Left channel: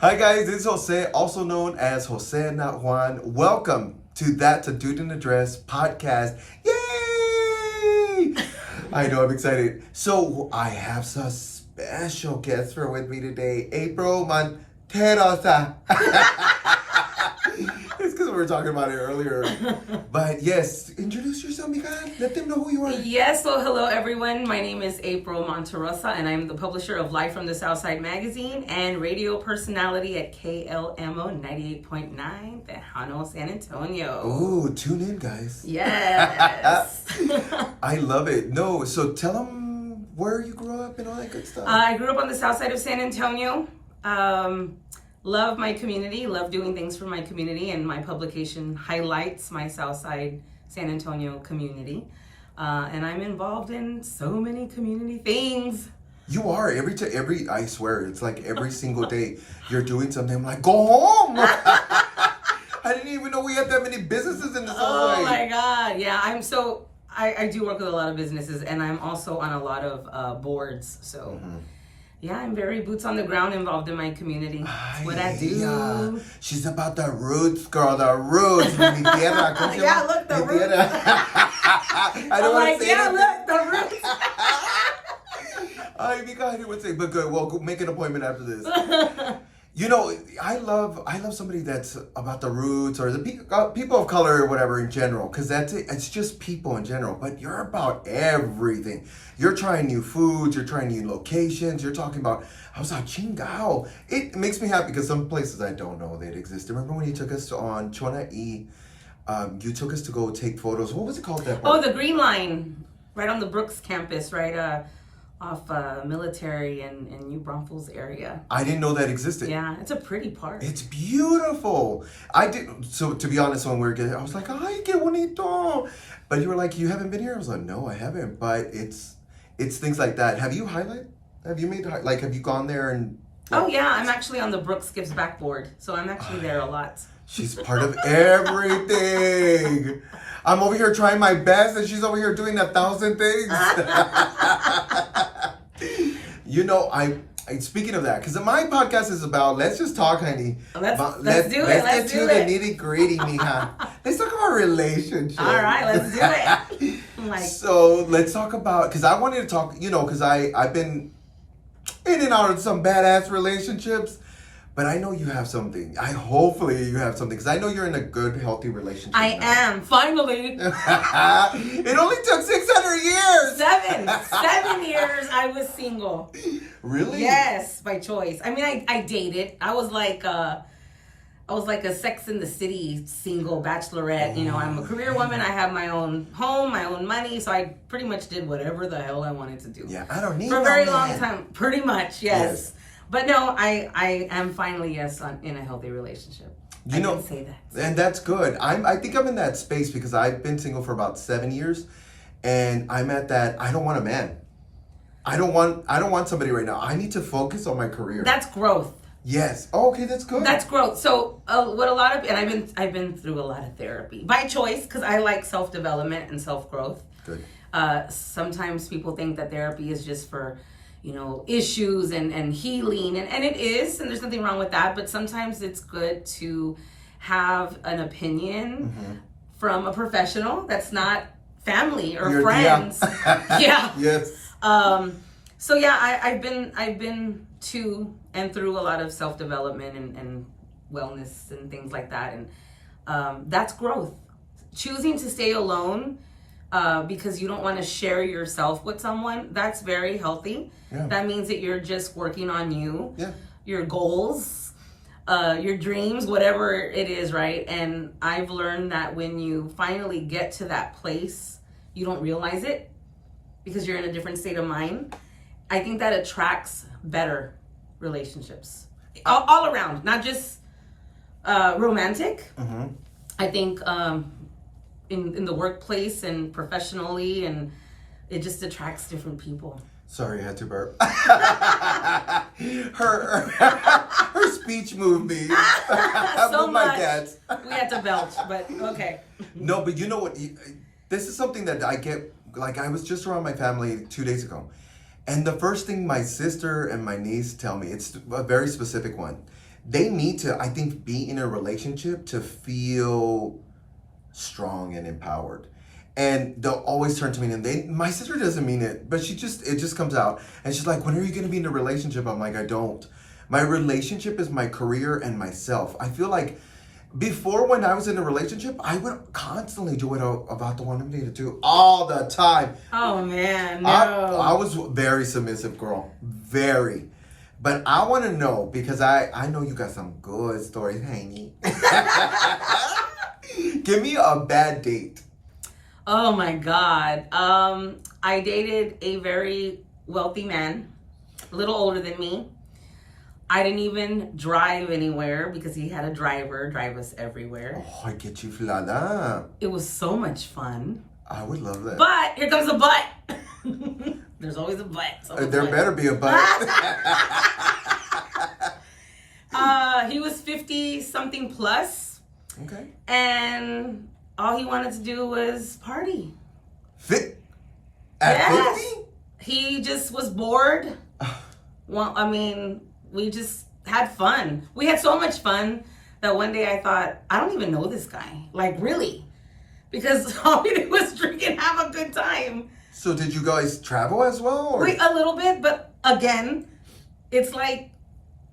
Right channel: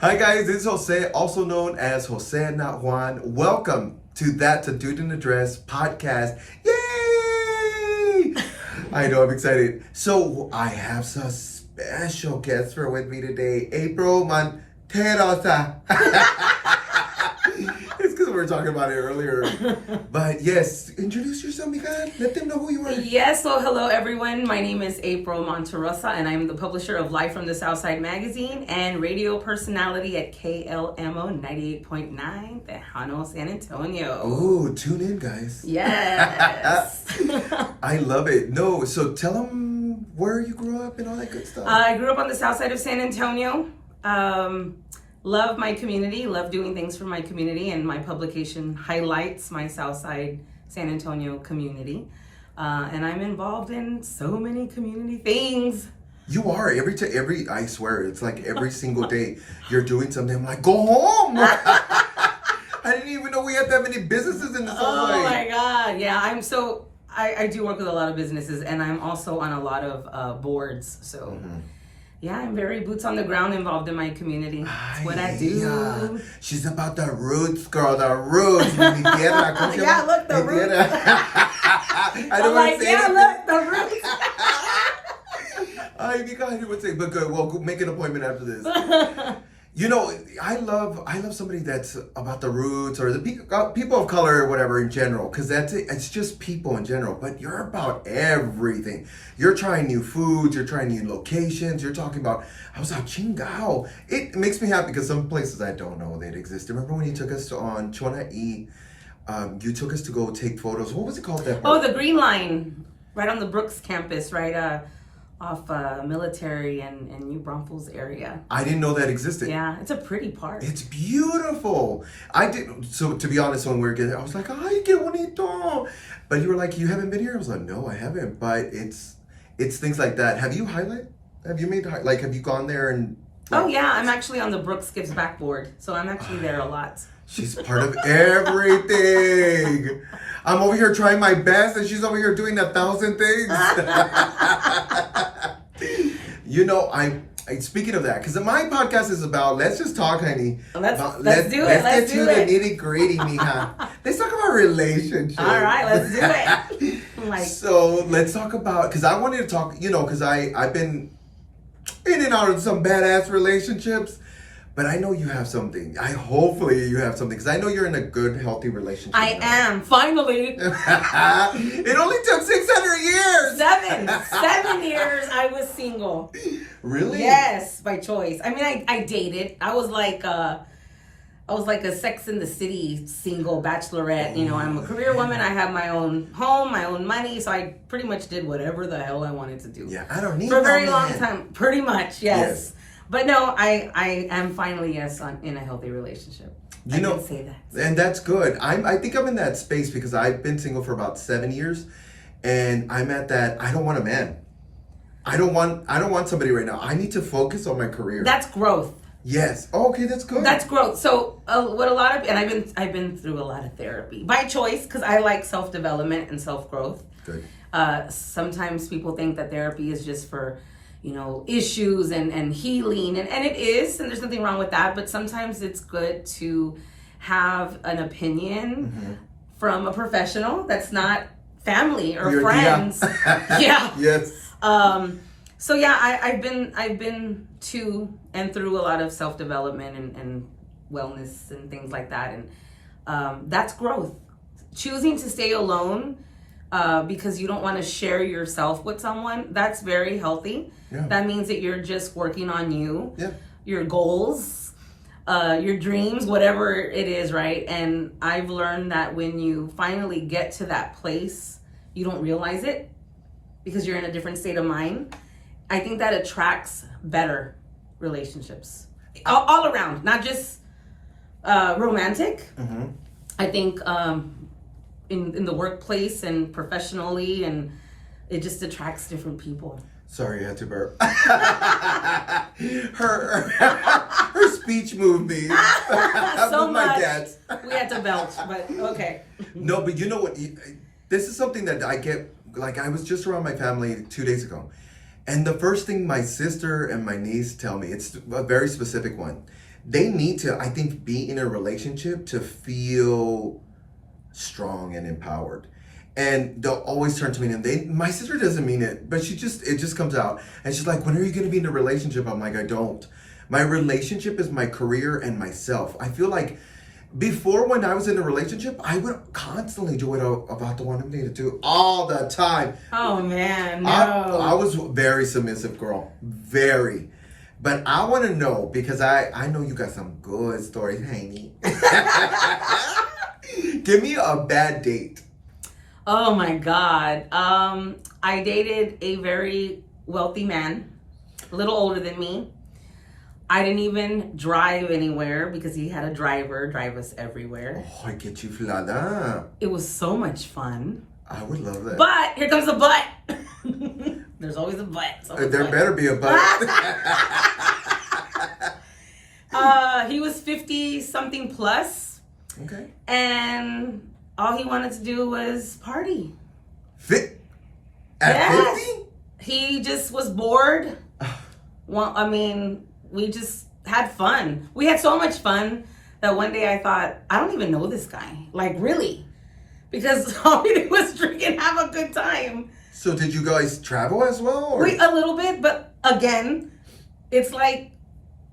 Hi guys, this is Jose, also known as Jose Not Juan. Welcome to That's a Dude in a Dress podcast. Yay! I know, I'm excited. So I have some special guests for with me today. April Monterrosa. It's because we were talking about it earlier. But yes, introduce yourself, mija. Let them know who you are. Yes, well, hello everyone. My name is April Monterrosa, and I'm the publisher of Live from the Southside magazine and radio personality at KLMO 98.9, Tejano, San Antonio. Ooh, tune in, guys. Yes. I love it. No, so tell them where you grew up and all that good stuff. I grew up on the south side of San Antonio. Love my community, love doing things for my community, and my publication highlights my Southside San Antonio community. And I'm involved in so many community things. You are every. I swear, it's like every single day you're doing something. I'm like, go home. I didn't even know we had that many businesses in the Southside. Oh my God, yeah. I do work with a lot of businesses, and I'm also on a lot of boards. So. Mm-hmm. Yeah, I'm very boots on the ground involved in my community. What I do. Yeah. She's about the roots, girl. The roots. Yeah, look, the roots. I don't want to say anything. Look, the roots. You guys would say, but good. Well, go make an appointment after this. You know, I love somebody that's about the roots or the people of color or whatever in general, because that's it. It's just people in general. But you're about everything. You're trying new foods. You're trying new locations. You're talking about, I was out Chingao. It makes me happy because some places I don't know they'd exist. Remember when you took us on Chuana'i? You took us to go take photos. What was it called? That park? Oh, the Green Line, right on the Brooks campus, right? Off Military and New Braunfels area. I didn't know that existed. Yeah, it's a pretty park. It's beautiful. So to be honest, when we were getting, I was like, ay, qué bonito. But you were like, you haven't been here? I was like, no, I haven't. But it's things like that. Have you gone there and? Oh yeah, I'm actually on the Brooks Gives Back board. So I'm actually there a lot. She's part of everything. I'm over here trying my best and she's over here doing 1,000 things. You know, I speaking of that, because my podcast is about, let's just talk, honey. Let's do it. Let's get to the nitty gritty, mija. Let's talk about relationships. All right, let's do it. So let's talk about, because I wanted to talk, because I've been in and out of some badass relationships. But I know you have something. Hopefully you have something, because I know you're in a good, healthy relationship. I am, finally. It only took 600 years. 7 years I was single. Really? Yes, by choice. I mean, I dated. I was like a Sex in the City single bachelorette. I'm a career woman. I have my own home, my own money. So I pretty much did whatever the hell I wanted to do. Yeah, I don't need for a very long time. Pretty much, yes. But no, I am finally, in a healthy relationship. I can say that. And that's good. I think I'm in that space because I've been single for about 7 years, and I'm at that. I don't want a man. I don't want somebody right now. I need to focus on my career. That's growth. Yes. Oh, okay, that's good. That's growth. So I've been through a lot of therapy by choice, because I like self-development and self-growth. Good. Sometimes people think that therapy is just for issues and healing, and it is, and there's nothing wrong with that, but sometimes it's good to have an opinion from a professional that's not family or friends. Yeah. Yes. So yeah, I've been to and through a lot of self-development and wellness and things like that, and that's growth. Choosing to stay alone because you don't want to share yourself with someone, that's very healthy. Yeah. That means that you're just working on you, your goals, your dreams, whatever it is, right? And I've learned that when you finally get to that place, you don't realize it because you're in a different state of mind. I think that attracts better relationships all around, not just romantic. Mm-hmm. I think in the workplace and professionally, and it just attracts different people. Sorry, I had to burp. her speech moved me. So much. We had to belt, but okay. No, but you know what? This is something that I get. Like, I was just around my family 2 days ago, and the first thing my sister and my niece tell me, it's a very specific one. they need to, I think, be in a relationship to feel strong and empowered. And they'll always turn to me, and my sister doesn't mean it, but it just comes out. And she's like, when are you going to be in a relationship? I'm like, I don't. My relationship is my career and myself. I feel like before, when I was in a relationship, I would constantly do it about the one I'm dating to all the time. Oh man, no. I was very submissive, girl. Very. But I want to know, because I know you got some good stories, Hangy. Give me a bad date. Oh my God. I dated a very wealthy man, a little older than me. I didn't even drive anywhere because he had a driver drive us everywhere. Oh, I get you, Flada. It was so much fun. I would love that. But here comes a but. There's always a but. There better be a but. He was 50 something plus. Okay. And all he wanted to do was party. At 50? He just was bored. Well, I mean, we just had fun. We had so much fun that one day I thought, I don't even know this guy. Like, really? Because all we did was drink and have a good time. So did you guys travel as well? Or? A little bit, but again, it's like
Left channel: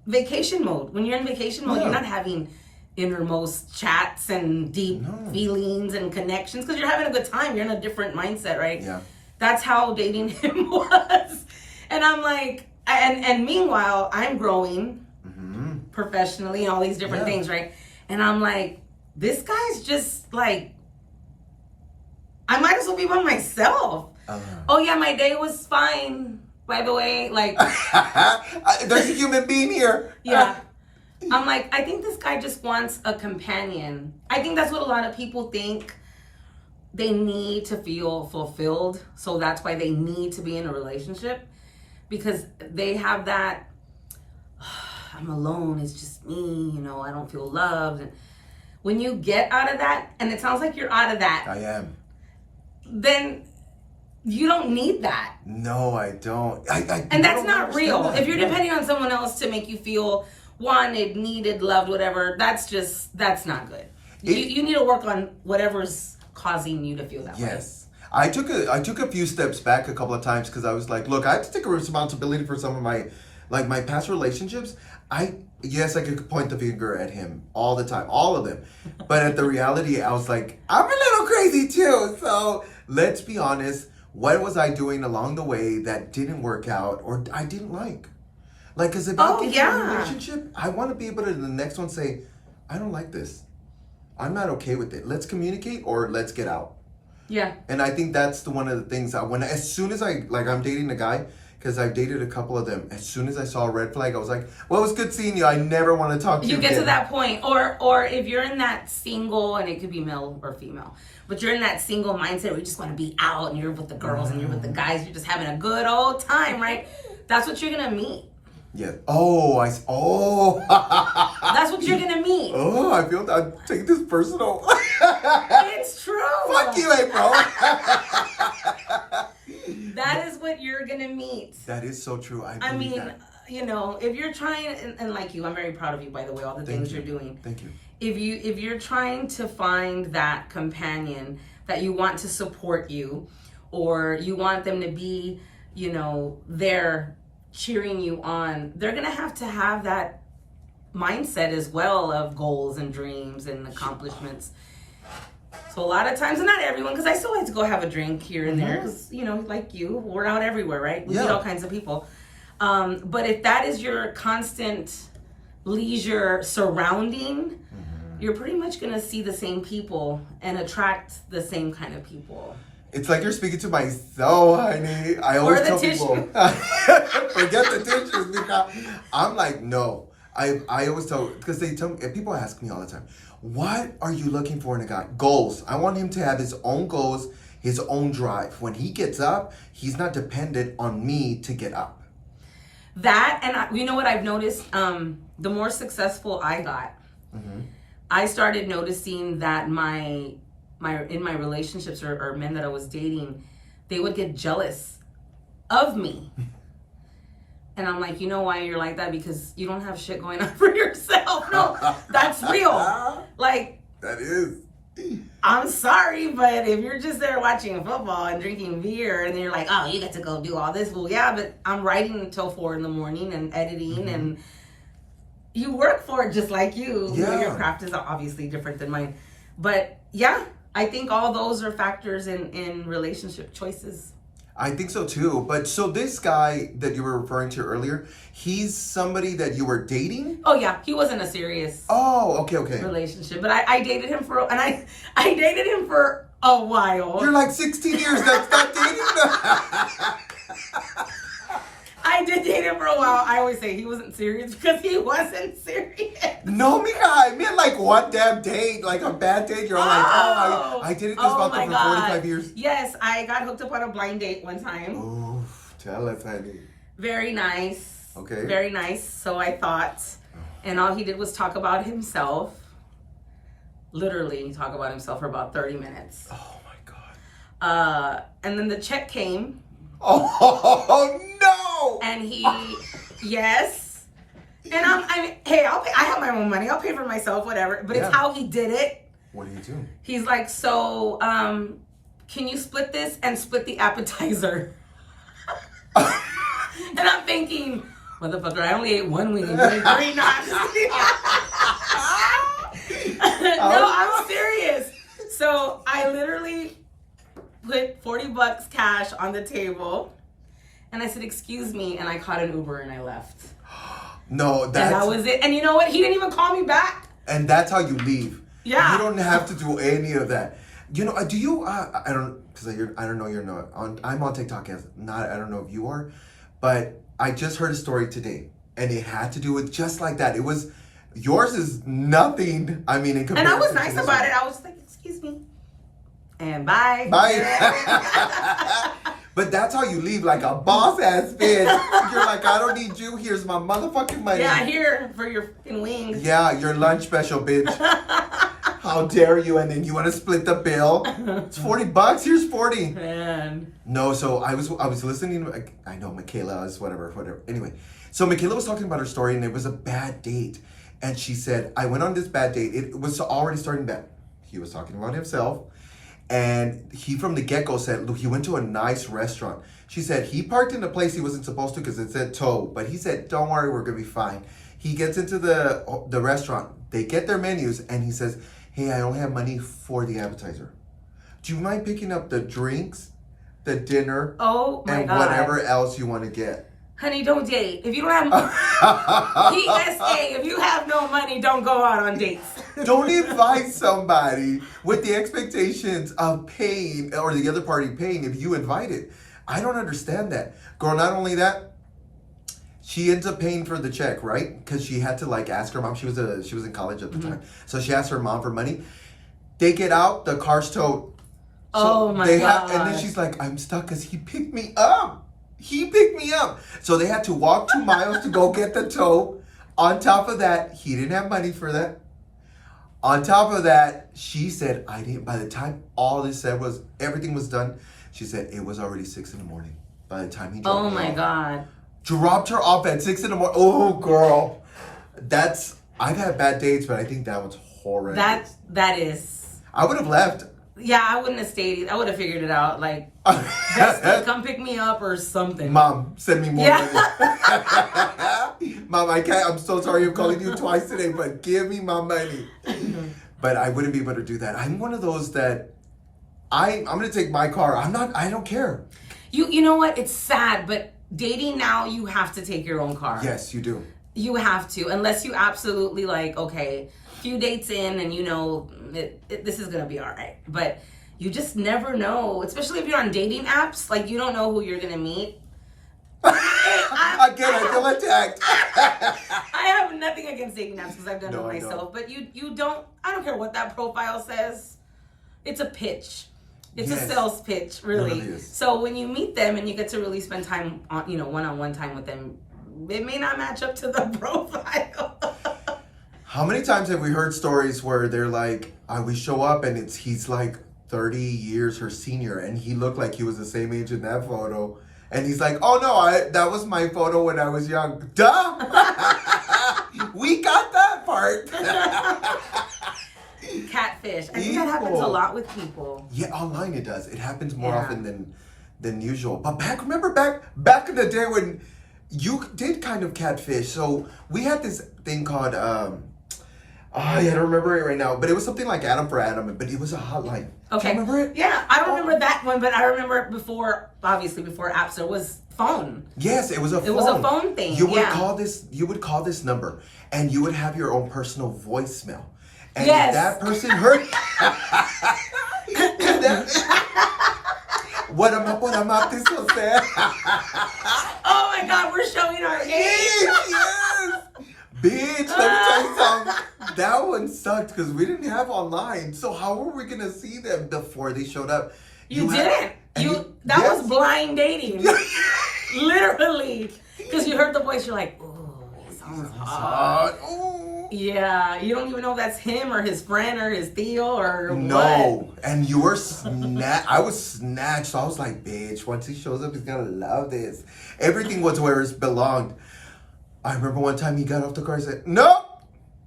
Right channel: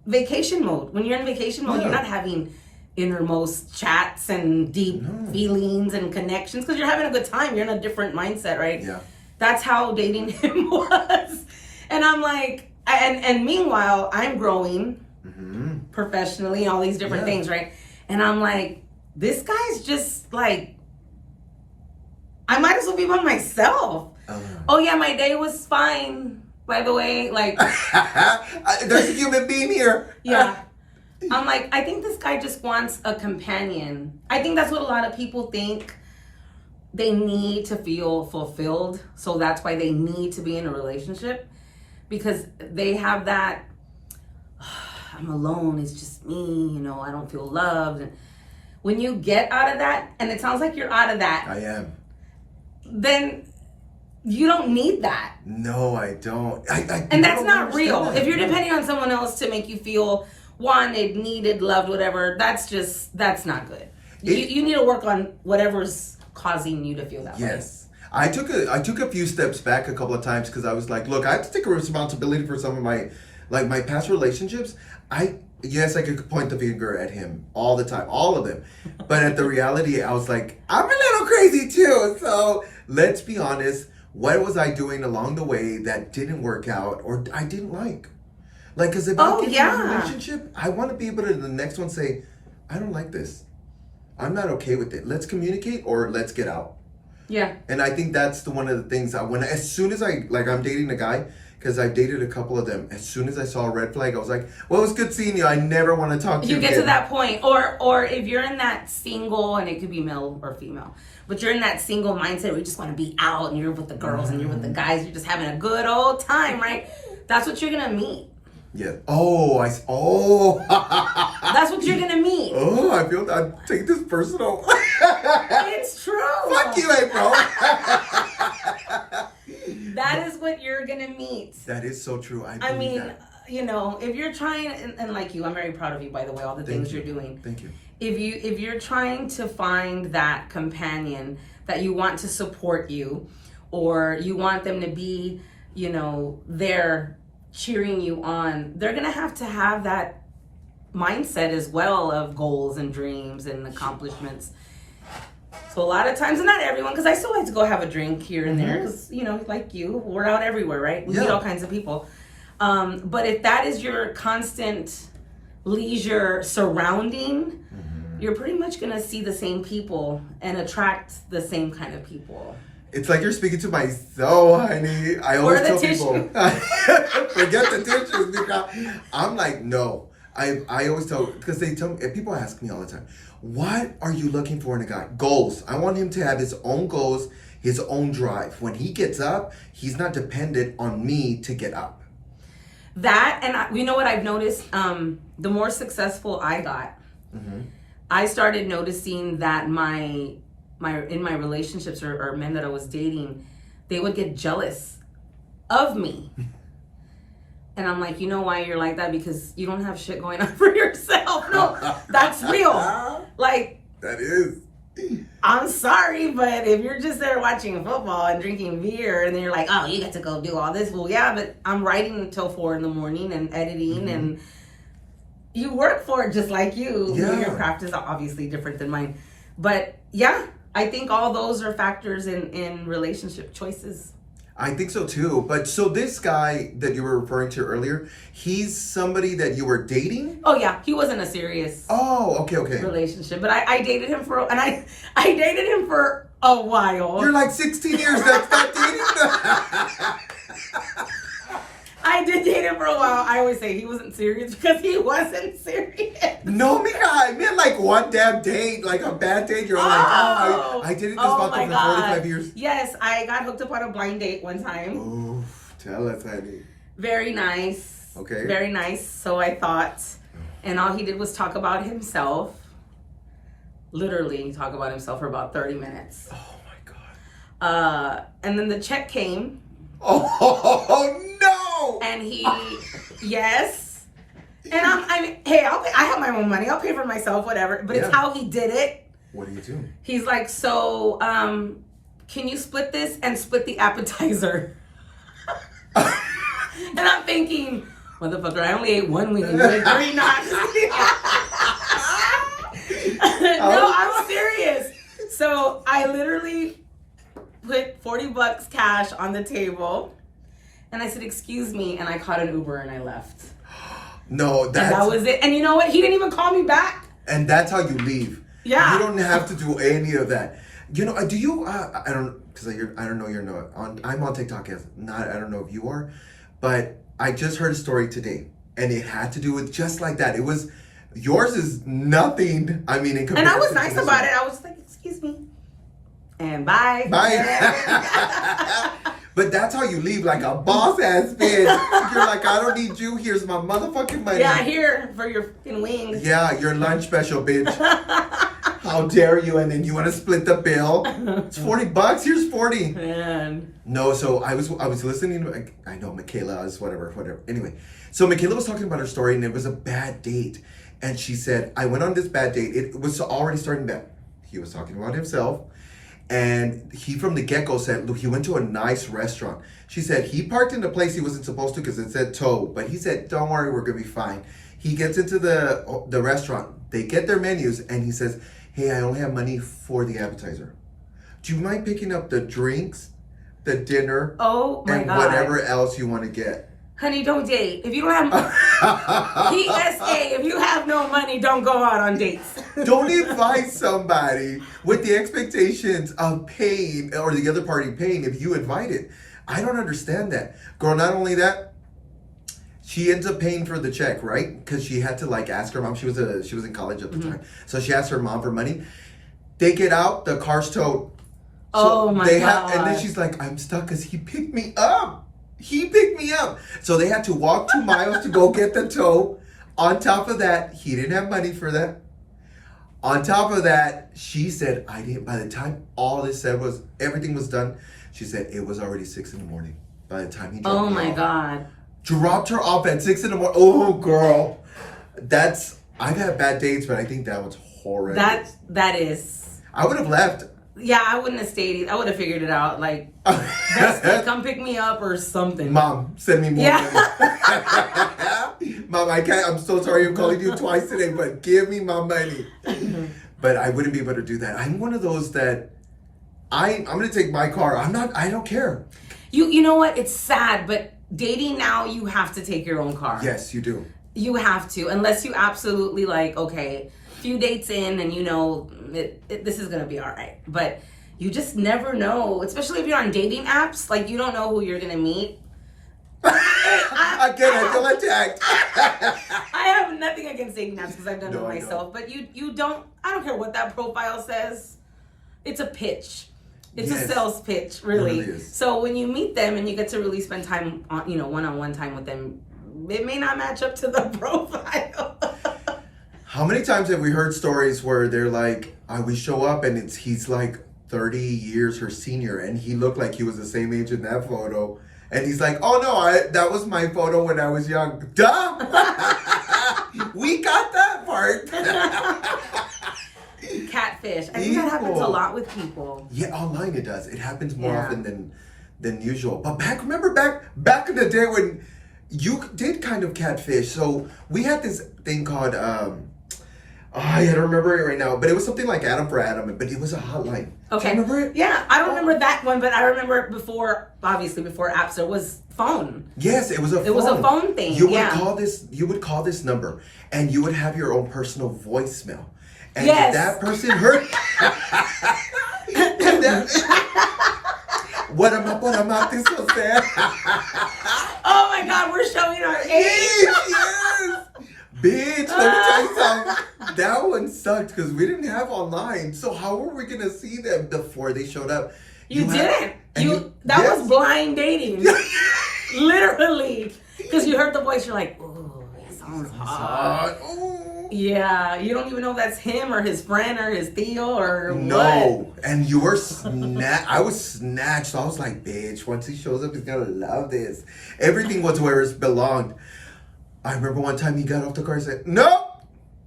vacation mode. When you're in vacation mode, you're not having innermost chats and deep feelings and connections because you're having a good time. You're in a different mindset, right? Yeah. That's how dating him was. And I'm like, and meanwhile, I'm growing professionally and all these different things, right? And I'm like, this guy's just like, I might as well be by myself. Oh yeah, my day was fine, by the way. Like, there's a human being here. Yeah. I'm like, I think this guy just wants a companion. I think that's what a lot of people think. They need to feel fulfilled. So that's why they need to be in a relationship. Because they have that, I'm alone, it's just me, you know, I don't feel loved. And when you get out of that, and it sounds like you're out of that. I am. Then you don't need that. No, I don't. And that's not real. If you're depending on someone else to make you feel wanted, needed, loved, whatever, that's not good. You need to work on whatever's causing you to feel that way. Yes. I took a few steps back a couple of times because I was like, look, I have to take a responsibility for some of my past relationships. Yes, I could point the finger at him all the time, all of them. But at the reality, I was like, I'm a little crazy too. So let's be honest. What was I doing along the way that didn't work out or I didn't like? Like, because if I get in a relationship, I want to be able to the next one say, I don't like this. I'm not okay with it. Let's communicate or let's get out. Yeah. And I think that's one of the things as soon as I'm dating a guy, because I've dated a couple of them. As soon as I saw a red flag, I was like, well, it was good seeing you. I never want to talk to you get again. To that point. Or if you're in that single, and it could be male or female, but you're in that single mindset where you just want to be out and you're with the girls and you're with the guys, you're just having a good old time, right? That's what you're going to meet. Yeah. That's what you're going to meet. Oh, I take this personal. It's true. Fuck you, April. That is what you're going to meet. That is so true. I mean, you know, if you're trying, and like you, I'm very proud of you, by the way, all the things you're doing. Thank you. If you're trying to find that companion that you want to support you, or you want them to be, you know, there cheering you on, they're going to have that mindset as well of goals and dreams and accomplishments. So a lot of times, and not everyone, because I still like to go have a drink here and there, because, you know, like you, we're out everywhere, right? We meet all kinds of people. But if that is your constant leisure surrounding, you're pretty much going to see the same people and attract the same kind of people. It's like you're speaking to my soul, honey. I always tell people, forget the tissues, Nika. I'm like, no. I always tell, because people ask me all the time, what are you looking for in a guy? Goals. I want him to have his own goals, his own drive. When he gets up, he's not dependent on me to get up. That, and you know what I've noticed? The more successful I got, I started noticing that in my relationships or men that I was dating, they would get jealous of me. And I'm like, you know why you're like that? Because you don't have shit going on for yourself. No, that's real. Like, that is. I'm sorry, but if you're just there watching football and drinking beer and you're like, oh, you get to go do all this. Well, yeah, but I'm writing until 4 a.m. and editing and you work for it just like you. Yeah. Your craft is obviously different than mine. But yeah, I think all those are factors in relationship choices. I think so too. But so this guy that you were referring to earlier, he's somebody that you were dating? Oh yeah, he wasn't a serious okay. relationship. But I dated him I dated him for a while. You're like 16 years, that's not dating? I did date him for a while. I always say he wasn't serious because he wasn't serious. No, mija, I meant like one damn date, like a bad date. You're like, I did it just about for 45 years. Yes, I got hooked up on a blind date one time. Oh, tell us, honey. Very nice. Okay. Very nice, so I thought. And all he did was talk about himself. Literally talk about himself for about 30 minutes. Oh my God. And then the check came. Oh no! And he, yes. And I mean, hey, I have my own money. I'll pay for myself, whatever. But it's how he did it. What do you do? He's like, so, can you split this and split the appetizer? And I'm thinking, motherfucker, I only ate one wing and you ate 3 knots. No, I'm serious. So I literally put $40 cash on the table and I said, excuse me, and I caught an Uber and I left. No, that's... And that was it. And you know what? He didn't even call me back. And that's how you leave. Yeah. You don't have to do any of that. You know, do you, I don't, because I don't know you're not, I'm on TikTok as not, I don't know if you are, but I just heard a story today and it had to do with just like that. It was, yours is nothing, I mean, in comparison. And I was nice about it. I was like, excuse me. And bye. Bye. But that's how you leave, like a boss ass bitch. You're like, I don't need you. Here's my motherfucking money. Yeah, here for your fucking wings. Yeah, your lunch special, bitch. How dare you? And then you want to split the bill? It's $40. Here's 40. Man. No, so I was listening. I know Michaela is whatever. Anyway, so Michaela was talking about her story, and it was a bad date. And she said, I went on this bad date. It was already starting bad. He was talking about himself. And he from the get-go said, look, he went to a nice restaurant. She said he parked in a place he wasn't supposed to because it said tow. But he said, don't worry, we're going to be fine. He gets into the restaurant. They get their menus. And he says, hey, I only have money for the appetizer. Do you mind picking up the drinks, the dinner, and whatever else you want to get? Honey, don't date. If you don't have PSA, if you have no money, don't go out on dates. Don't invite somebody with the expectations of paying or the other party paying if you invite it. I don't understand that. Girl, not only that, she ends up paying for the check, right? Because she had to like ask her mom. She was in college at the time. So she asked her mom for money. They get out, the car's towed. Oh my God. And then she's like, I'm stuck because he picked me up. He picked me up. So they had to walk 2 miles to go get the tow. On top of that, he didn't have money for that. On top of that, she said, by the time all this said was, everything was done, she said it was already 6 a.m. by the time he dropped her off. Oh my God. Dropped her off at 6 a.m. Oh, girl. I've had bad dates, but I think that was horrendous. That is. I would have left. Yeah, I wouldn't have stayed. I would have figured it out. Like, come pick me up or something. Mom, send me more money. Mom, I can't. I'm so sorry I'm calling you twice today, but give me my money. But I wouldn't be able to do that. I'm one of those that I'm going to take my car. I don't care. You know what? It's sad, but dating now, you have to take your own car. Yes, you do. You have to, unless you absolutely like, okay, few dates in and you know this is gonna be all right, but you just never know, especially if you're on dating apps. Like, you don't know who you're gonna meet. I feel attacked. I have nothing against dating apps because I've done it myself, but you don't. I don't care what that profile says. It's a pitch. It's a sales pitch, really. It really is. So when you meet them and you get to really spend time on, one-on-one time with them, it may not match up to the profile. How many times have we heard stories where they're like, we show up and he's like 30 years her senior and he looked like he was the same age in that photo. And he's like, oh no, that was my photo when I was young. Duh! We got that part. Catfish. I think that happens a lot with people. Yeah, online it does. It happens more often than usual. But remember back in the day when you did kind of catfish. So we had this thing called I don't remember it right now, but it was something like Adam for Adam, but it was a hotline. Okay. Do you remember it? Yeah, I don't remember that one, but I remember before apps, there was phone. Yes, it was a phone. It was a phone thing. You would call this number, and you would have your own personal voicemail. And if that person heard what am I this so sad? Oh my God, we're showing our age. Yes. Bitch, let me tell you something. That one sucked because we didn't have online. So how were we gonna see them before they showed up? You didn't. That was blind dating. Literally. Because you heard the voice, you're like, ooh, it sounds hot. Ooh. Yeah, you don't even know if that's him or his friend or his Theo or no. what. And you were I was snatched. So I was like, bitch, once he shows up, he's gonna love this. Everything was where it belonged. I remember one time he got off the car and said, no.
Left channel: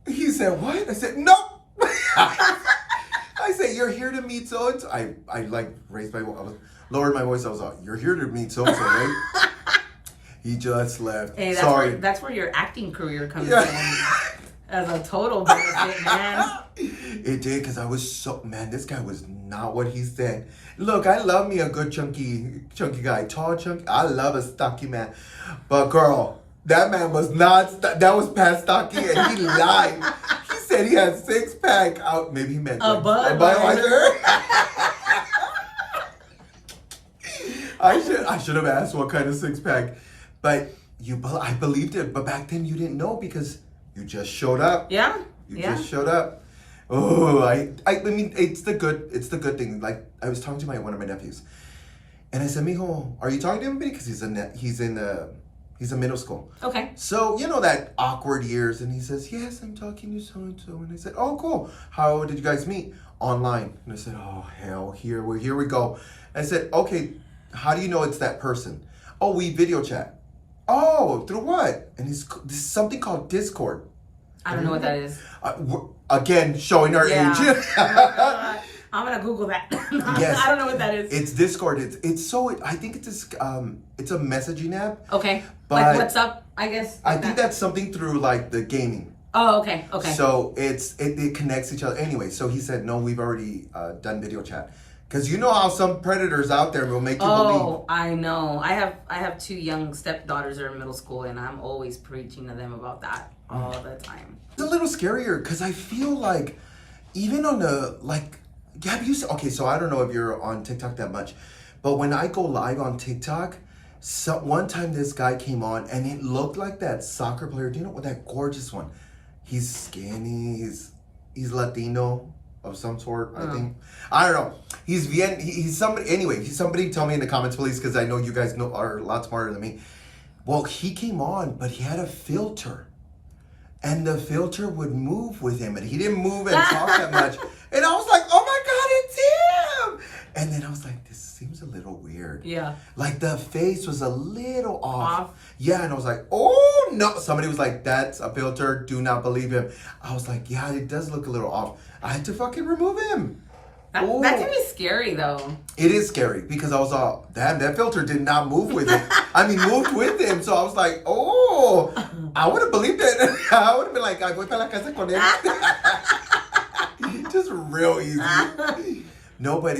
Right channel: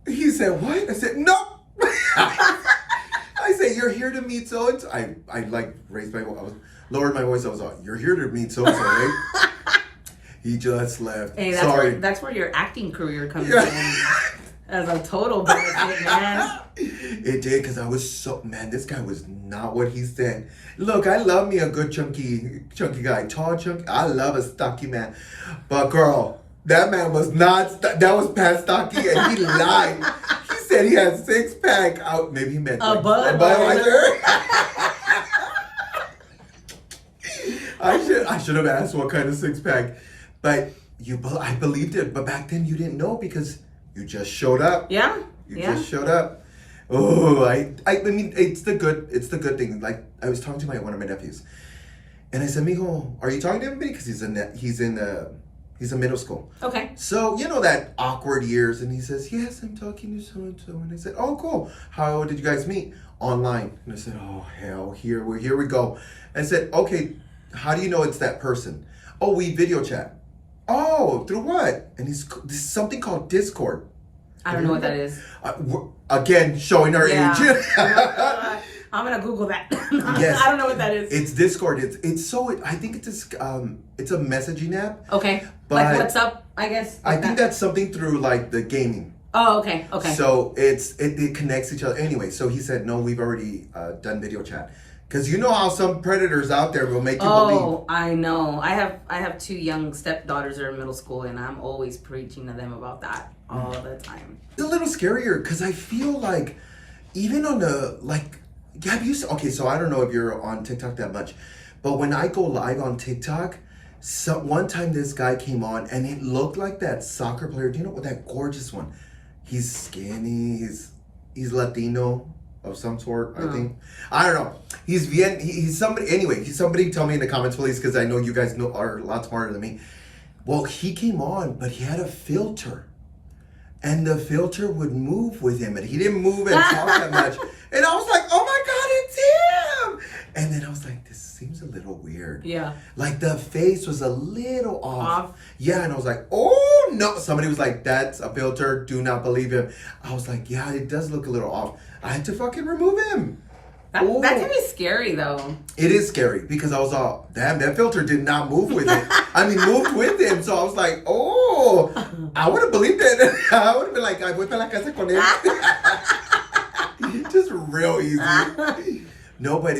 He said, what? I said, no. I said, you're here to meet so-and-so. I like raised my voice. I lowered my voice. I was like, you're here to meet so-and-so, right? He just left. Hey, that's where your acting career comes in. As a total benefit, man. It did, because I was this guy was not what he said. Look, I love me a good chunky guy. Tall, chunky. I love a stocky man. But girl, that man was not, that was past stocky, and he lied. He said he had 6-pack out. Maybe he meant a Budweiser. I should have asked what kind of 6-pack. But I believed it. But back then you didn't know because you just showed up. Yeah. You just showed up. Oh, I mean, it's the good thing. Like, I was talking to one of my nephews, and I said, "Mijo, are you talking to him because he's in middle school?" Okay. So you know that awkward years, and he says, "Yes, I'm talking to so and so." And I said, "Oh, cool. How did you guys meet?" Online. And I said, "Oh hell, here we go." I said, "Okay, how do you know it's that person?" "Oh, we video chat." "Oh, through what?" And this is something called Discord. I don't know what that is. Again, showing our age. I'm gonna Google that. Yes. I don't know what that is. It's Discord. I think it's a messaging app. Okay. But like WhatsApp, I guess. I think that's something through like the gaming. Oh, okay. So it connects each other. Anyway, so he said, no, we've already done video chat. Because you know how some predators out there will make you believe. Oh, I know. I have 2 young stepdaughters that are in middle school, and I'm always preaching to them about that all the time. It's a little scarier because I feel like even on the okay, so I don't know if you're on TikTok that much, but when I go live on TikTok, one time this guy came on and it looked like that soccer player. Do you know what, that gorgeous one? He's skinny. He's Latino of some sort, I think. I don't know. He's somebody. Anyway, somebody tell me in the comments, please, because I know you guys are a lot smarter than me. Well, he came on, but he had a filter. And the filter would move with him, and he didn't move and talk that much. And I was like, oh my God, it's him! And then I was like, this seems a little weird. Yeah. Like the face was a little off. Yeah, and I was like, oh no. Somebody was like, that's a filter. Do not believe him. I was like, yeah, it does look a little off. I had to fucking remove him. That can be scary though. It is scary because I was all, damn, that filter did not move with him. I mean, moved with him. So I was like, oh, I would have believed it. I would have been like, I voy para la casa con él. Just real easy. No, but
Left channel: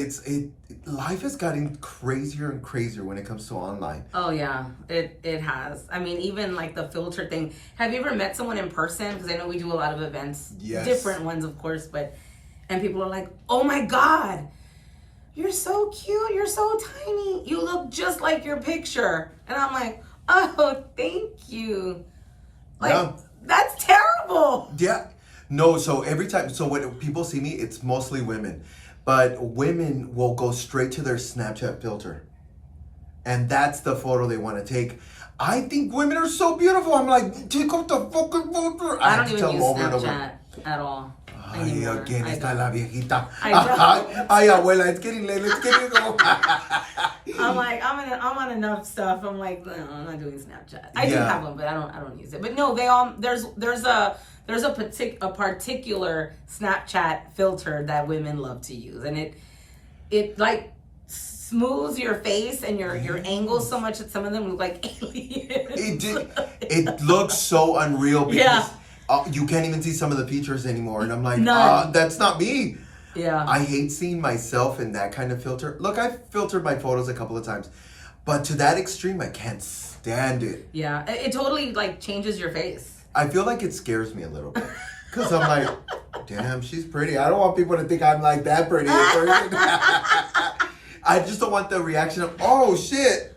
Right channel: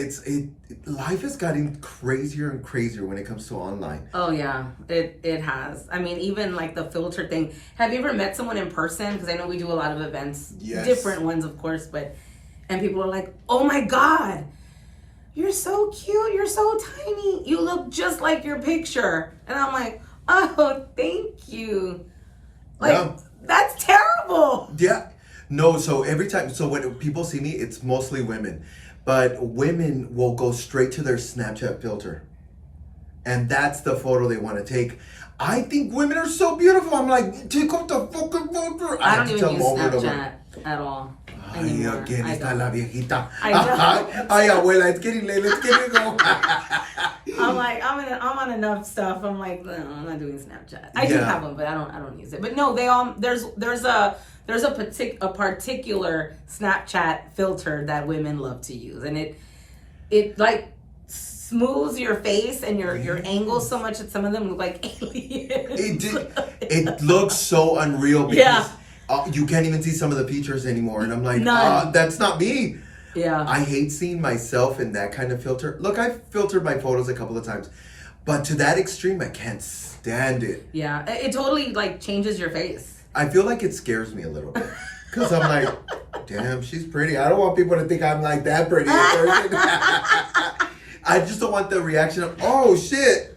life has gotten crazier and crazier when it comes to online. Oh yeah, it has. I mean, even like the filter thing. Have you ever met someone in person? Because I know we do a lot of events, different ones, of course, and people are like, "Oh my God, you're so cute. You're so tiny. You look just like your picture." And I'm like, "Oh, thank you." Like that's terrible. Yeah. No. So every time, when people see me, it's mostly women. But women will go straight to their Snapchat filter. And that's the photo they want to take. I think women are so beautiful. I'm like, take off the fucking filter. I don't even use Snapchat at all. anymore. Again, I está don't. la viejita. I know. Ay, abuela, it's getting late. Let's get it go. I'm like, I'm on enough stuff. I'm like, no, I'm not doing Snapchat. I do have one, but I don't use it. But no, they all there's a particular Snapchat filter that women love to use, and it like smooths your face and your angles so much that some of them look like aliens. It looks so unreal because Yeah. You can't even see some of the features anymore, and I'm like, None. that's not me. Yeah. I hate seeing myself in that kind of filter. Look, I've filtered my photos a couple of times, but to that extreme, I can't stand it. Yeah, it totally like changes your face. I feel like it scares me a little bit because I'm like, damn, she's pretty. I don't want people to think I'm like that pretty in person. I just don't want the reaction of, oh shit.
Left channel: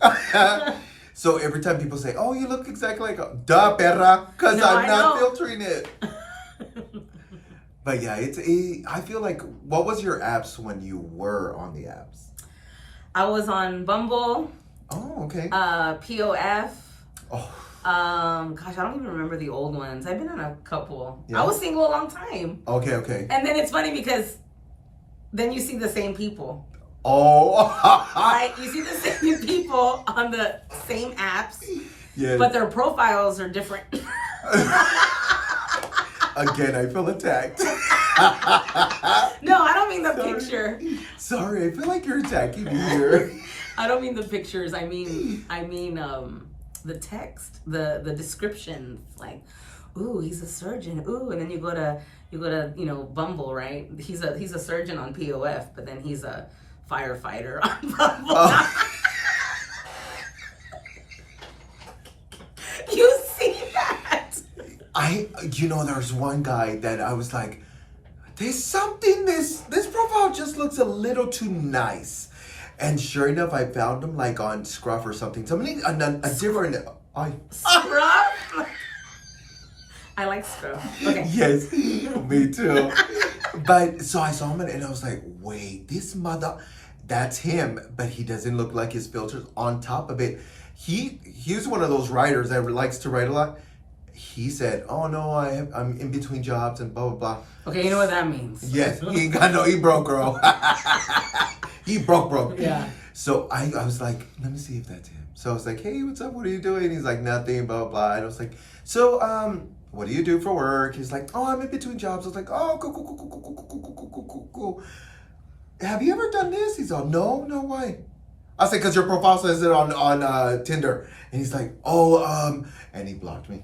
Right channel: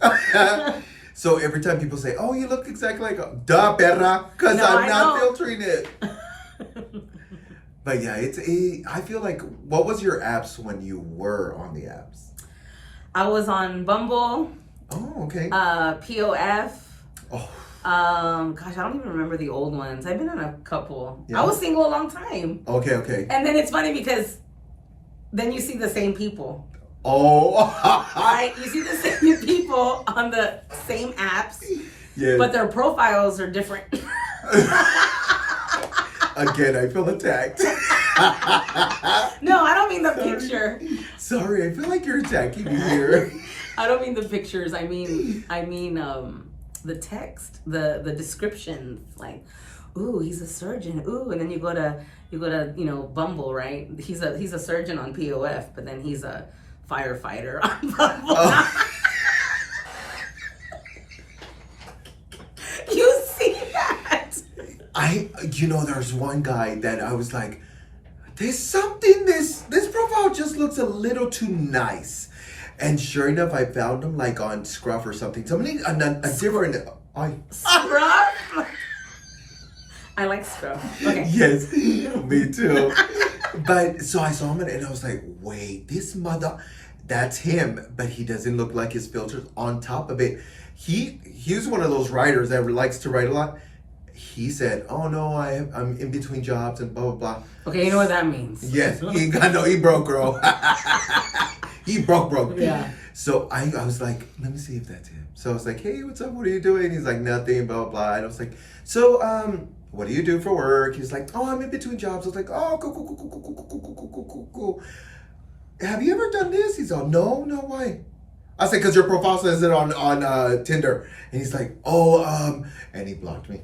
So every time people say, oh, you look exactly like, duh, perra, because I'm not filtering it. But yeah, I feel like, what was your apps when you were on the apps? I was on Bumble. Oh, okay. POF. Oh. Gosh, I don't even remember the old ones. I've been on a couple. Yeah. I was single a long time. Okay. And then it's funny because then you see the same people. Oh. Right? You see the same people on the same apps, Yes. but their profiles are different. Again, I feel attacked. No, I don't mean the picture. Sorry, I feel like you're attacking me here. I don't mean the pictures. I mean the text, the descriptions, like, ooh, he's a surgeon. Ooh, and then you go to Bumble, right? He's a surgeon on POF, but then he's a firefighter on Bumble. You see that? There's one guy that I was like, there's something, this profile just looks a little too nice. And sure enough, I found him like on Scruff or something. Something, a different, Scruff? I like Scruff. Okay. Yes, me too. But so I saw him and I was like, wait, that's him, but he doesn't look like his filters. On top of it, he's one of those writers that likes to write a lot. He said, oh no, I'm in between jobs and blah, blah, blah. Okay, you know what that means. Yes, he broke, girl. He broke. Yeah. So I was like, let me see if that's him. So I was like, hey, what's up? What are you doing? He's like, nothing, blah, blah, blah. And I was like, so, what do you do for work? He's like, oh, I'm in between jobs. I was like, oh, cool. Have you ever done this? He's like, no, why? I said, because your profile says it on Tinder. And he's like, oh, and he blocked me.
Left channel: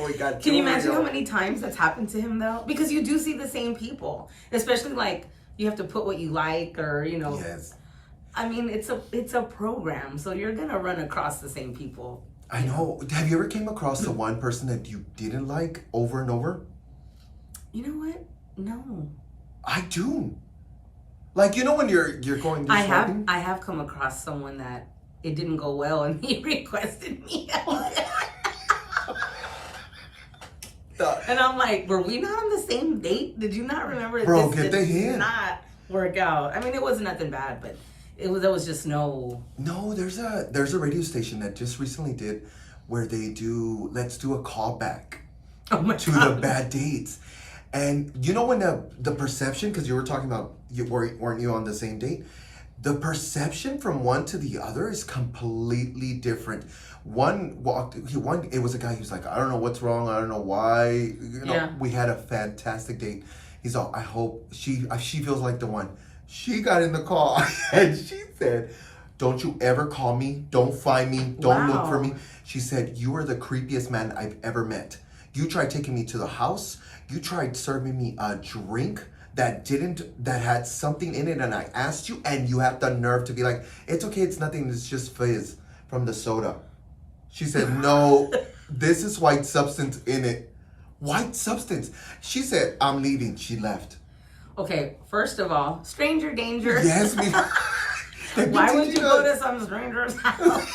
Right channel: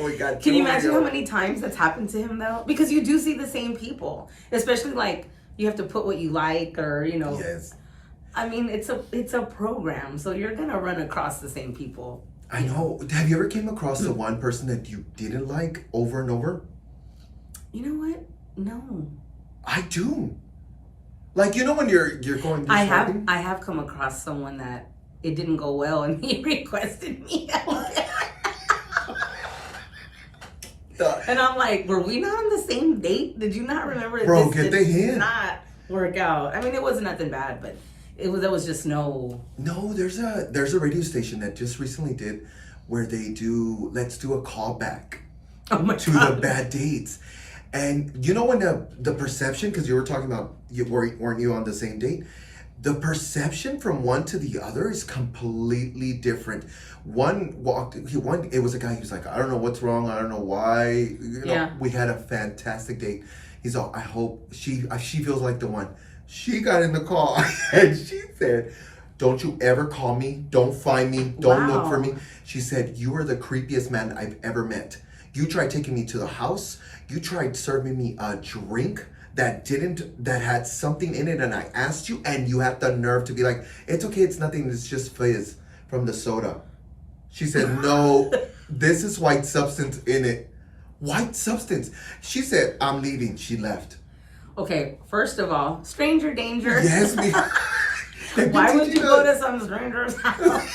Oh my God. Can you imagine how many times that's happened to him though? Because you do see the same people, especially like you have to put what you like or Yes. I mean, it's a program, so you're gonna run across the same people. I know. Have you ever came across the one person that you didn't like over and over? You know what? No. I do. Like, when you're going through shopping? I have come across someone that it didn't go well and he requested me. And I'm like, were we not on the same date? Did you not remember? Bro, this get the hint. Not work out. I mean, it wasn't nothing bad, but there was just no. No, there's a radio station that just recently did where they do, let's do a callback Oh my to God. the bad dates. And when the perception, because you were talking about, weren't you on the same date? The perception from one to the other is completely different. It was a guy who's like, I don't know what's wrong. I don't know why. We had a fantastic date. He's all, I hope she feels like the one. She got in the call and she said, don't you ever call me. Don't find me. Don't look for me. She said, you are the creepiest man I've ever met. You tried taking me to the house. You tried serving me a drink that had something in it, and I asked you, and you have the nerve to be like, it's okay, it's nothing, it's just fizz from the soda. She said, no, this is white substance in it. White substance. She said, I'm leaving. She left. Okay, first of all, stranger danger. Yes, Why would you go to some stranger's house?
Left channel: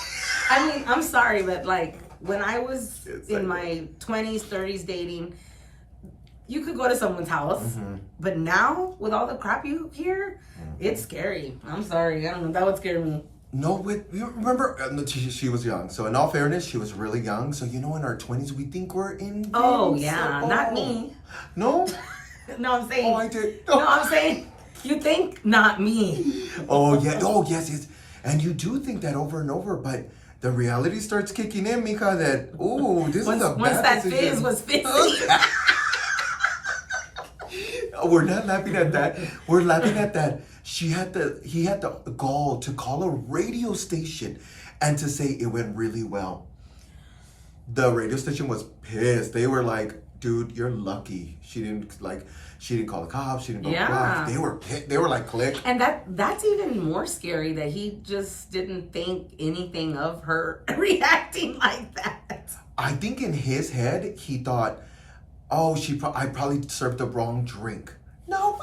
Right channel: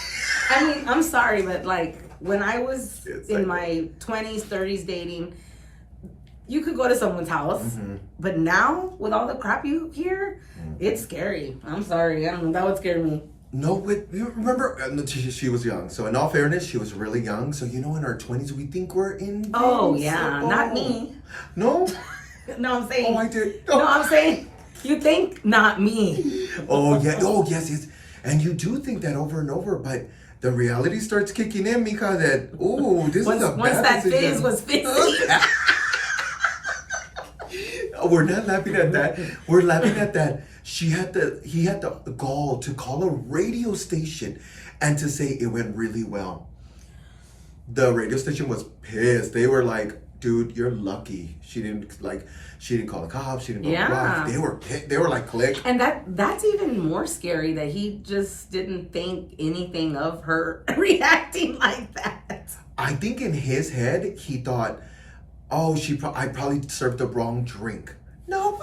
I mean, I'm sorry, but like when I was in my 20s, 30s dating, you could go to someone's house, but now with all the crap you hear, it's scary. I'm sorry, I don't know, that would scare me. No, you remember, she was young. So in all fairness, she was really young. So, in our 20s, we think we're in. Oh, yeah. Not me. No? No, I'm saying. Oh, I did. No, I'm saying, you think not me. Oh, yeah. Oh, yes. And you do think that over and over, but the reality starts kicking in, Mika, that, this is a bad Once that decision. phase was fizzing. We're not laughing at that. We're laughing at that. He had the gall to call a radio station and to say it went really well. The radio station was pissed. They were like, dude, you're lucky. She didn't call the cops. She didn't blah, blah, blah. They were like, click. And that's even more scary, that he just didn't think anything of her reacting like that. I think in his head, he thought, oh, I probably served the wrong drink. No.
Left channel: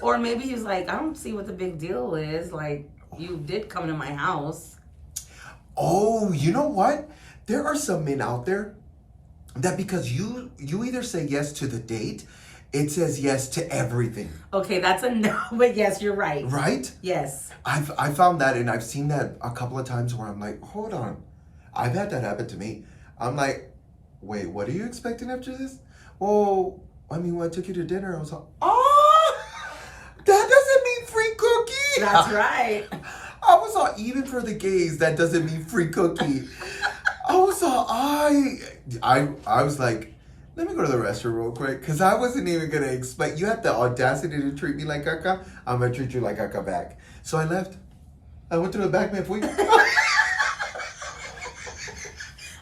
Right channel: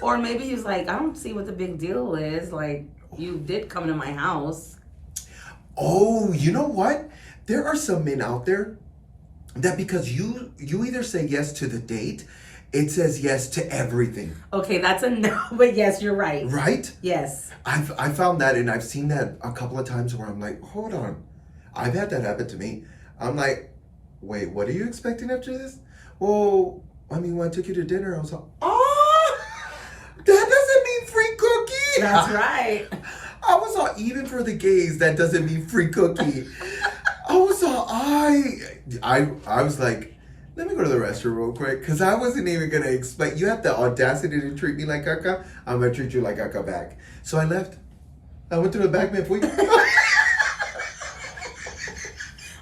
Or maybe he's like, I don't see what the big deal is. Like, you did come to my house. Oh, you know what? There are some men out there that because you either say yes to the date, it says yes to everything. Okay, that's a no, but yes, you're right. Right? Yes. I found that, and I've seen that a couple of times where I'm like, hold on. I've had that happen to me. I'm like, wait, what are you expecting after this? Well, I mean, when I took you to dinner, I was like, oh, that doesn't mean free cookie. That's right. I was all, even for the gays, that doesn't mean free cookie. I was all, I was like, let me go to the restroom real quick, because I wasn't even going to expect, you have the audacity to treat me like caca, I'm going to treat you like caca back. So I left. I went to the back, man.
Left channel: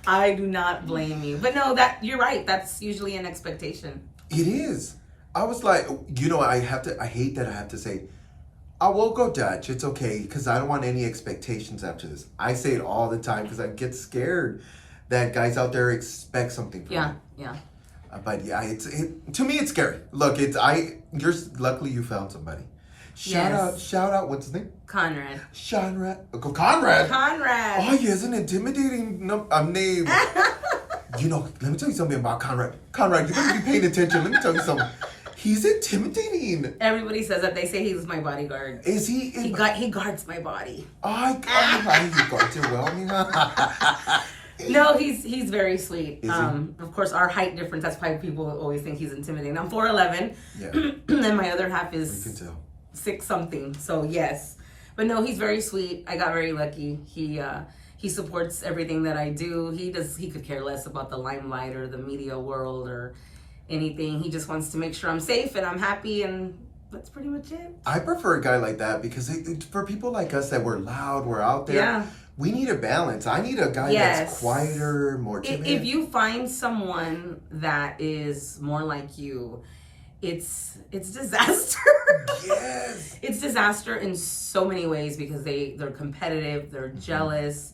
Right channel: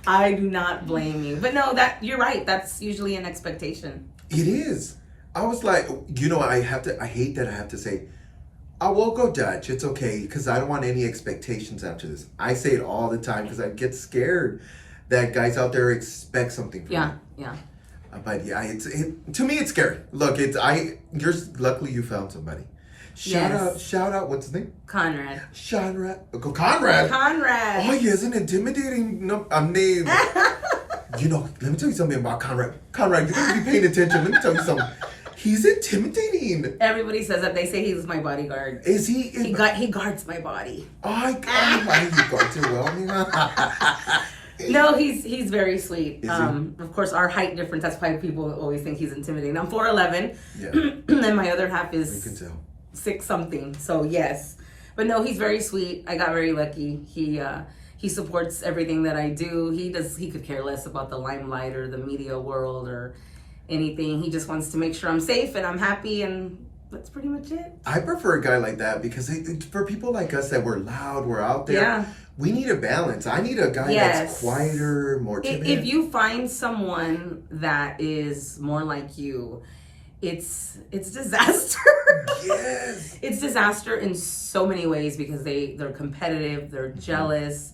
I do not blame you. But no, you're right. That's usually an expectation. It is. I was like, I hate that I have to say, I will go Dutch. It's okay, because I don't want any expectations after this. I say it all the time because I get scared that guys out there expect something from me. Yeah. But yeah, to me it's scary. Look, luckily you found somebody. Shout out, what's his name? Conrad. Conrad. Oh, he has an intimidating name. Let me tell you something about Conrad. Conrad, you gotta be paying attention. Let me tell you something. He's intimidating. Everybody says that. They say he's my bodyguard. Is he? He guards my body. Oh, he guards it well. No, he's very sweet. Is he? Of course, our height difference, that's why people always think he's intimidating. I'm 4'11", and my other half is you can tell. 6 something. So yes, but no, he's very sweet. I got very lucky. He supports everything that I do. He could care less about the limelight or the media world or anything. He just wants to make sure I'm safe and I'm happy, and that's pretty much it. I prefer a guy like that because for people like us that we're loud, we're out there, we need a balance. I need a guy that's quieter, more timid. If you find someone that is more like you, it's disaster. Yes. It's disaster in so many ways because they're competitive, they're jealous,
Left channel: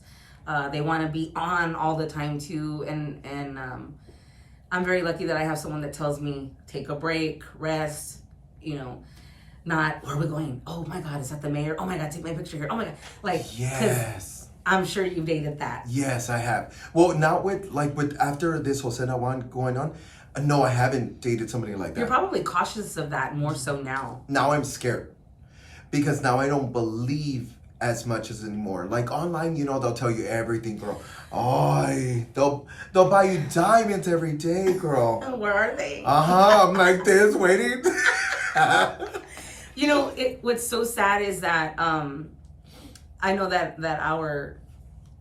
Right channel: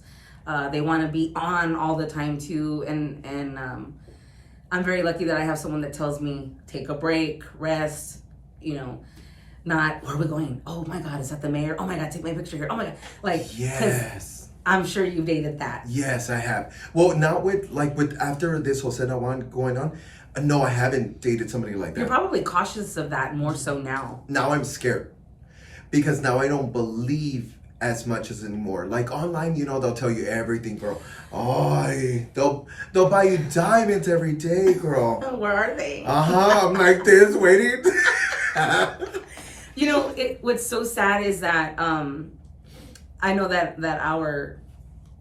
they want to be on all the time too, and I'm very lucky that I have someone that tells me take a break, rest, not where are we going? Oh my God, is that the mayor? Oh my God, take my picture here. Oh my God, yes. I'm sure you dated that. Yes, I have. Well, not with after this whole set going on. No, I haven't dated somebody like that. You're probably cautious of that more so now. Now I'm scared because now I don't believe as much as anymore. Like online, they'll tell you everything, girl. Oh, they'll buy you diamonds every day, girl. Where are they? I'm like this, waiting. What's so sad is that I know that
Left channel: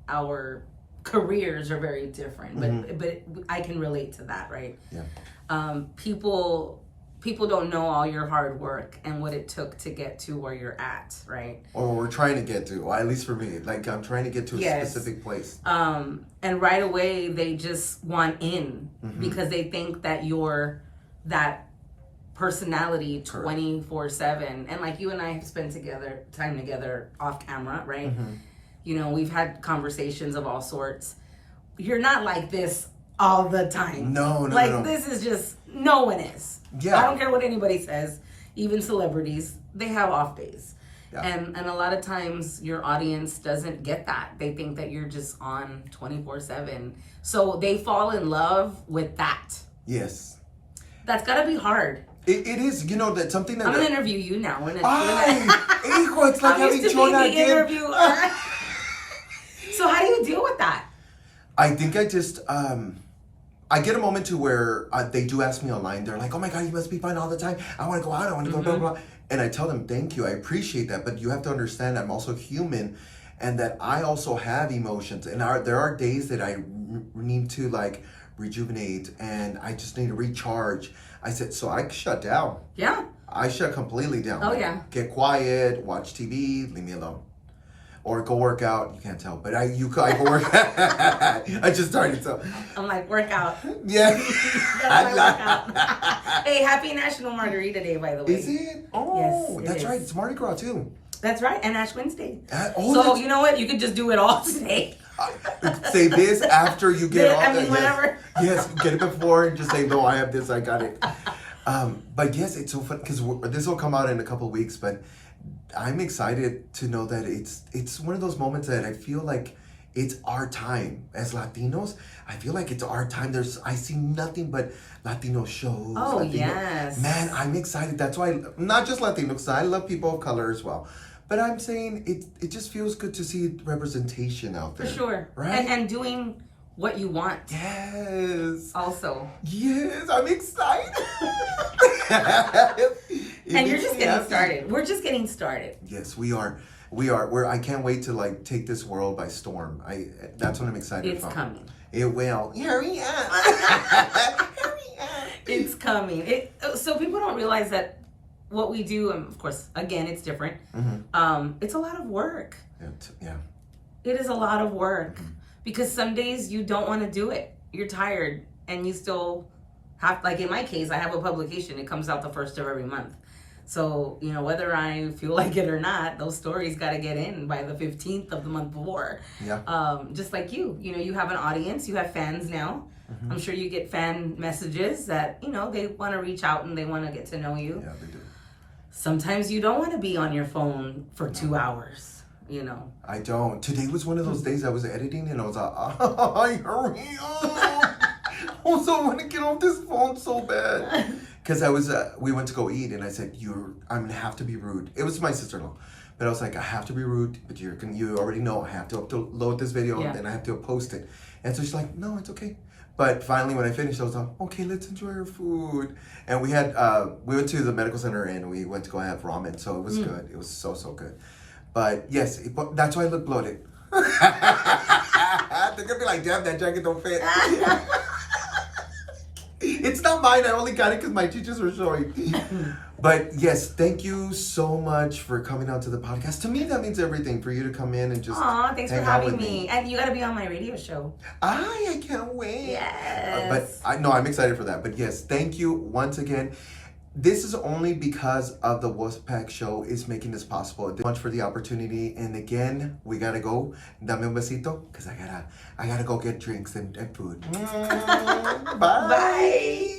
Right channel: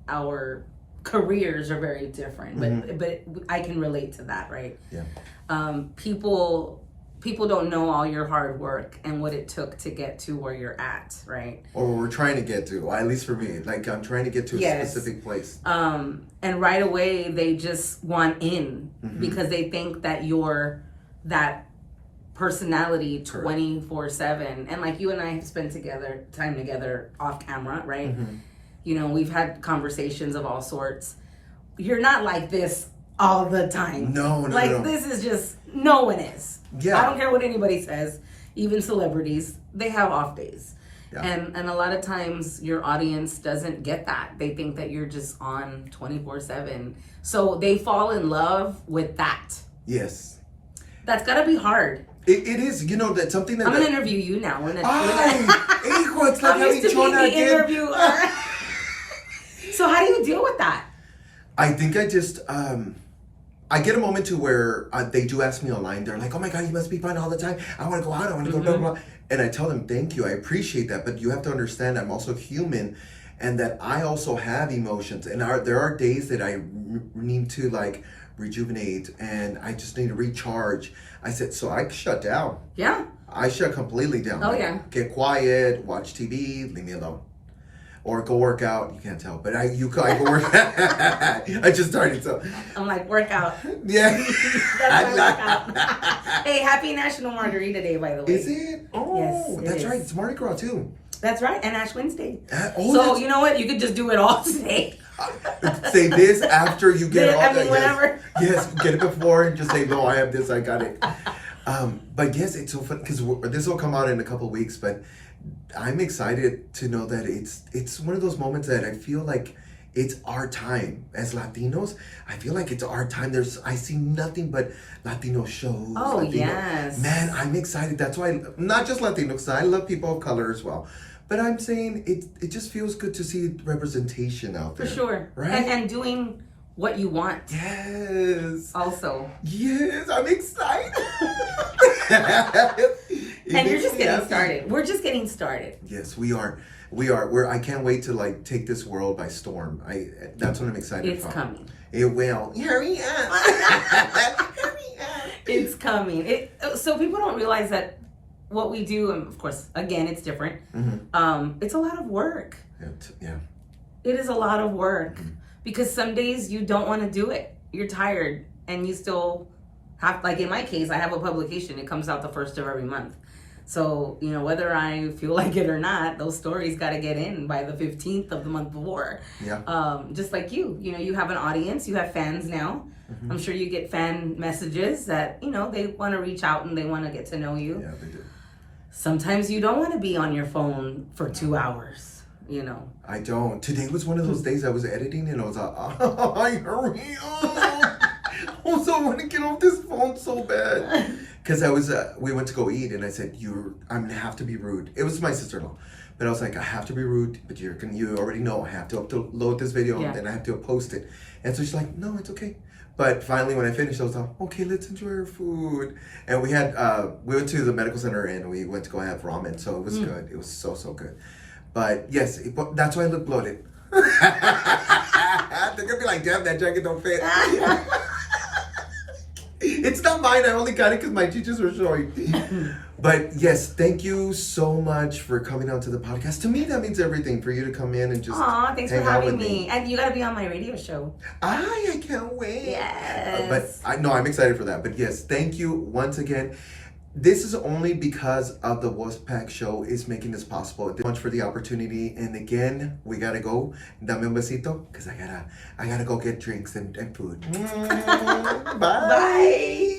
our careers are very different, but I can relate to that, right? Yeah. People don't know all your hard work and what it took to get to where you're at, right? Or we're trying to get to, well, at least for me, like I'm trying to get to a specific place. And right away they just want in because they think that you're that personality 24/7. And like you and I have spent time together off camera, right? We've had conversations of all sorts. You're not like this all the time. No. This is just, no one is. Yeah. I don't care what anybody says. Even celebrities, they have off days. Yeah. And a lot of times your audience doesn't get that. They think that you're just on 24/7. So they fall in love with that. Yes. That's gotta be hard. It is, you know, that's something that... I'm going to interview you now. We're not... Hijo, it's like I'm having used to being Chona the again. interviewer. So how do you deal with that? I think I just... I get a moment to where they do ask me online. They're like, oh my God, you must be fun all the time. I want to go out. I want to go blah, blah, blah. And I tell them, thank you. I appreciate that. But you have to understand I'm also human and that I also have emotions. And there are days that I need to like rejuvenate and I just need to recharge. I said, so I shut down. Yeah. I shut completely down. Oh, like, yeah. Get quiet, watch TV, leave me alone. Or go work out. You can't tell, but I go work. I just started, so. I'm like, workout. Yeah. That's my workout. Hey, happy National Margarita Day, by the way. Is it? Oh, yes, that's right. It's Mardi Gras too. That's right, and Ash Wednesday. So you know what? You could just do it all today. Say this after you get all that. Whatever. Yes, get it before and just say, no, I have this, I got it. But yes, it's so fun because this will come out in a couple of weeks, but I'm excited to know that it's one of those moments that I feel like it's our time as Latinos. I feel like it's our time. I see nothing but Latino shows. Oh, yes. Man, I'm excited. That's why, not just Latino, because I love people of color as well. But I'm saying it just feels good to see representation out there. For sure. Right? And doing what you want. Yes. Also. Yes, I'm excited. And you're just getting started. We're just getting started. Yes, we are. I can't wait to like take this world by storm. That's what I'm excited It's for. coming. It will. Hurry up. Hurry up. It's coming. So people don't realize that what we do, and of course, again, it's different. Mm-hmm. It's a lot of work. Yeah. It is a lot of work because some days you don't want to do it. You're tired and you still have, like in my case, I have a publication. It comes out the first of every month. So, you know, whether I feel like it or not, those stories got to get in by the 15th of the month before. Yeah. Just like you know, you have an audience, you have fans now. Mm-hmm. I'm sure you get fan messages that, you know, they want to reach out and they want to get to know you. Yeah, they do. Sometimes you don't want to be on your phone for 2 hours, you know. I don't. Today was one of those days I was editing and I was like, hurry up. Also, I want to get off this phone so bad. Because we went to go eat and I said, I'm going to have to be rude. It was my sister-in-law. But I was like, I have to be rude, but you already know I have to upload this video and I have to post it. And so she's like, no, it's okay. But finally, when I finished, I was like, okay, let's enjoy our food. And we went to the medical center and we went to go have ramen. So it was good. It was so, so good. But yes, that's why I look bloated. They're going to be like, damn, that jacket don't fit. It's not mine. I only got it because my teachers were showing. But yes, thank you so much for coming out to the podcast. To me, that means everything for you to come in and just thanks for having me. And you got to be on my radio show. I can't wait. Yes. I'm excited for that. But yes, thank you once again. This is only because of the Wolfpack show is making this possible. Thank you so much for the opportunity. And again, we gotta go. Dame un besito, because I gotta go get drinks and food. Bye. Bye.